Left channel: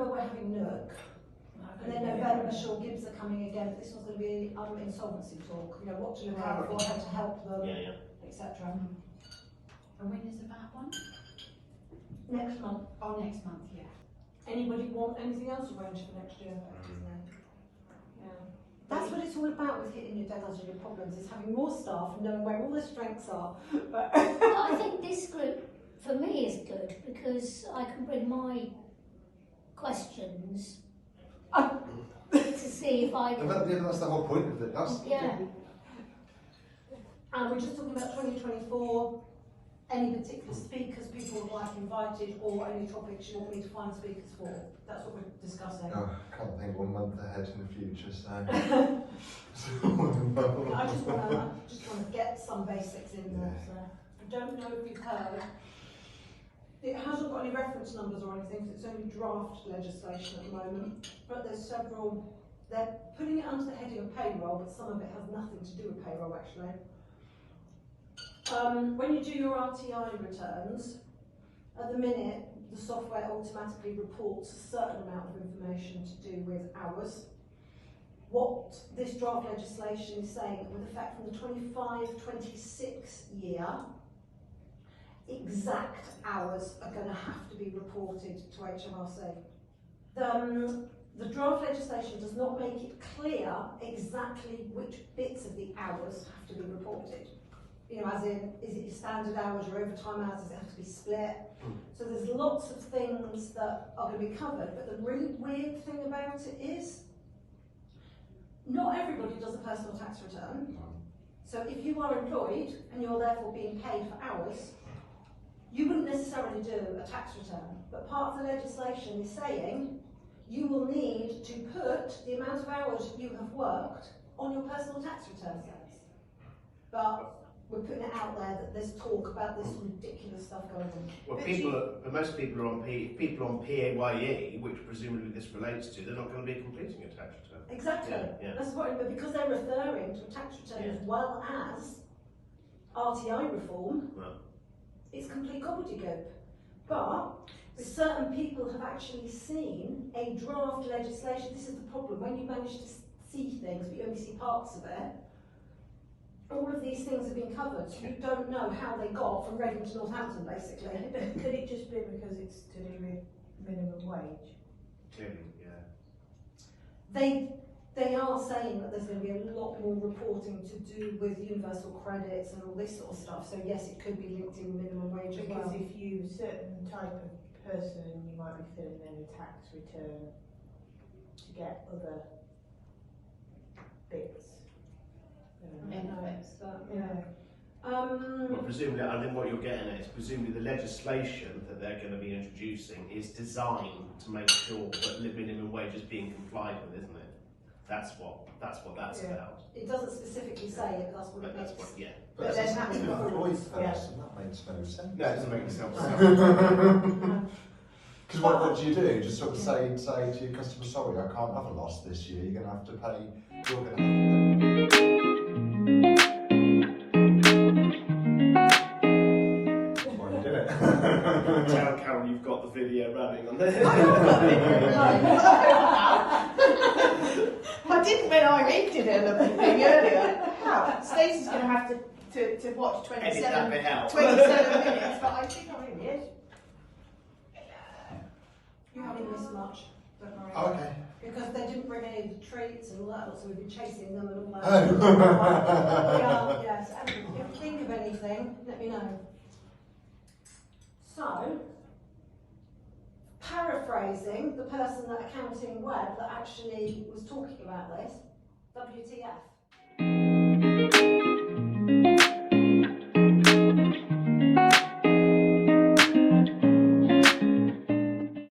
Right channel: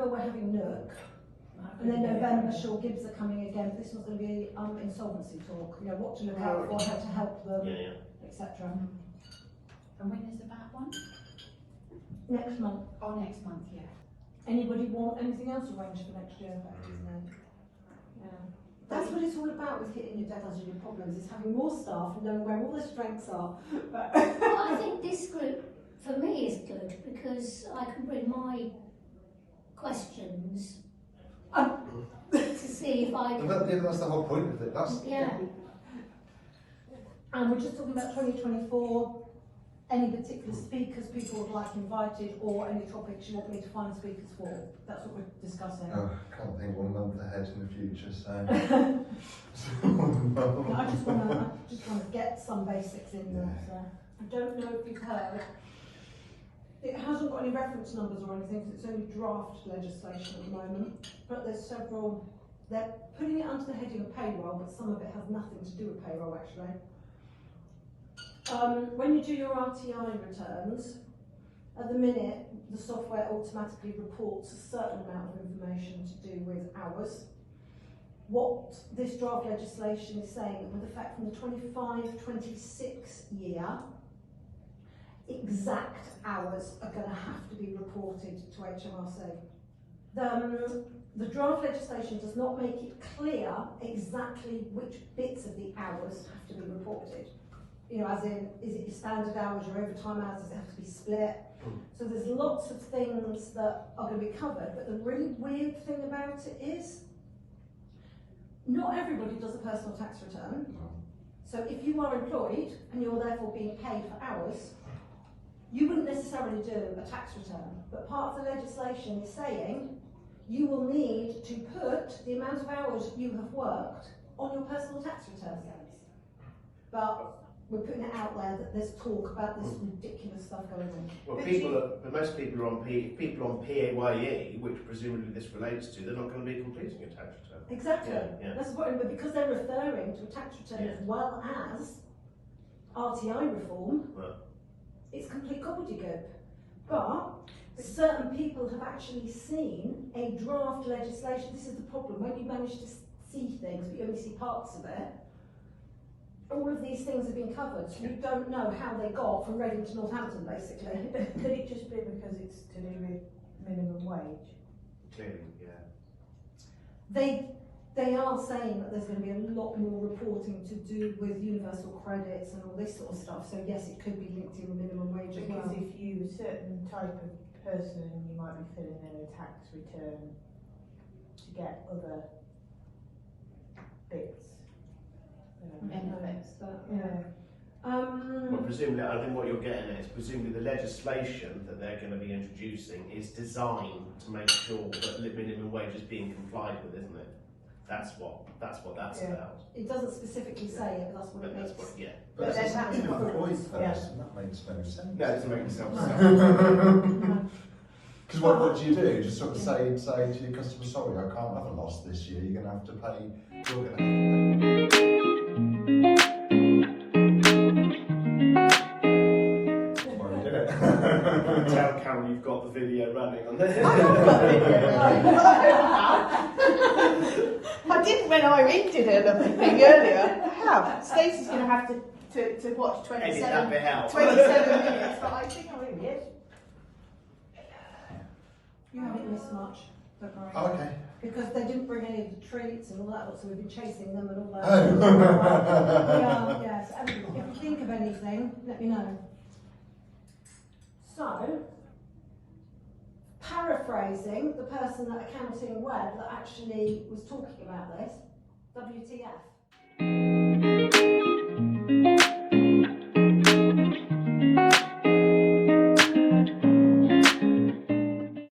October we're having Nook, and then November Shaw Gibbs are coming again. This one's going to be insolvency talk. You know, what to look out for, how to help them, etc. And when is the VAT one? Next month. Oh, next month, yeah. Anybody want anything else arranged for next year? Yeah. That's what it's all about with hitting your deadlines and your problems, is having more staff and knowing where all their strengths are. Well, I think this group, for me, is good because I can bring my questions to see if I can... That's the whole point of it. Yeah. And we're just talking about 2024. Any particular speakers people would like invited, or any topics you want me to find speakers for? That's what we're discussing. Oh, I can't think 1 month ahead in the future, so. I just want to get some basics in there. So I don't know if you've heard. It hasn't got any reference numbers or anything, so it's only draft legislation at the moment. But there's several. They're putting it under the heading of payroll, but some of it has nothing to do with payroll actually. When you do your RTI returns, at the minute the software automatically reports a certain amount of information to do with hours. What this draft legislation is saying, with effect from the 25-26 year, exact hours are going to have to be reported to HMRC. The draft legislation does not make it clear exactly which bits of the hours have to be reported. You know, as in, is it your standard hours, your overtime hours, does it have to be split? So there's lots of things that are going to be covered, but the really weird thing about it is, not everybody does a personal tax return. So if you are employed, and you're therefore being paid for hours, you wouldn't necessarily do a tax return, but part of the legislation is saying, you will need to put the amount of hours you have worked on your personal tax return. But we're putting it out there that there's talk about this ridiculous stuff going on. Well, most people are on PAYE, which presumably this relates to, they're not going to be completing a tax return. Exactly. Yeah. That's what, but because they're referring to a tax return as well as RTI reform, it's complete gobbledygook. But certain people have actually seen a draft legislation. This is the problem, when you manage to see things but you only see parts of it, all of these things have been covered. You don't know how they got from Reading to Northampton, basically. Could it just be because it's to do with minimum wage? Clearly, yeah. They are saying that there's going to be a lot more reporting to do with universal credits and all this sort of stuff. So yes, it could be linked in minimum wage as well. Because if you a certain type of person, you might be filling in a tax return to get other bits. Benefits. Well, presumably, I think what you're getting at is presumably the legislation that they're going to be introducing is designed to make sure that minimum wage is being complied with, isn't it? That's what that's about. It doesn't specifically say it, that's what it means. But as an employed person, that makes no sense. No, it doesn't make sense. Because what do you do? Just sort of say to your customer, sorry, I can't have a loss this year, you're going to have to pay, you're going to have to pay. That's why we do it. Tell Carol you've got the video running on there. I didn't when I rented it earlier. I have. Stacey's going to have to watch 27 minutes, but I think I really is. You haven't missed much, don't worry. Oh, okay. Because they didn't bring any of the treats and all that, so we've been chasing them and all that. Oh. Yes, and if you think of anything, let me know. So, paraphrasing the person at Accounting Web that actually was talking about this, WTF.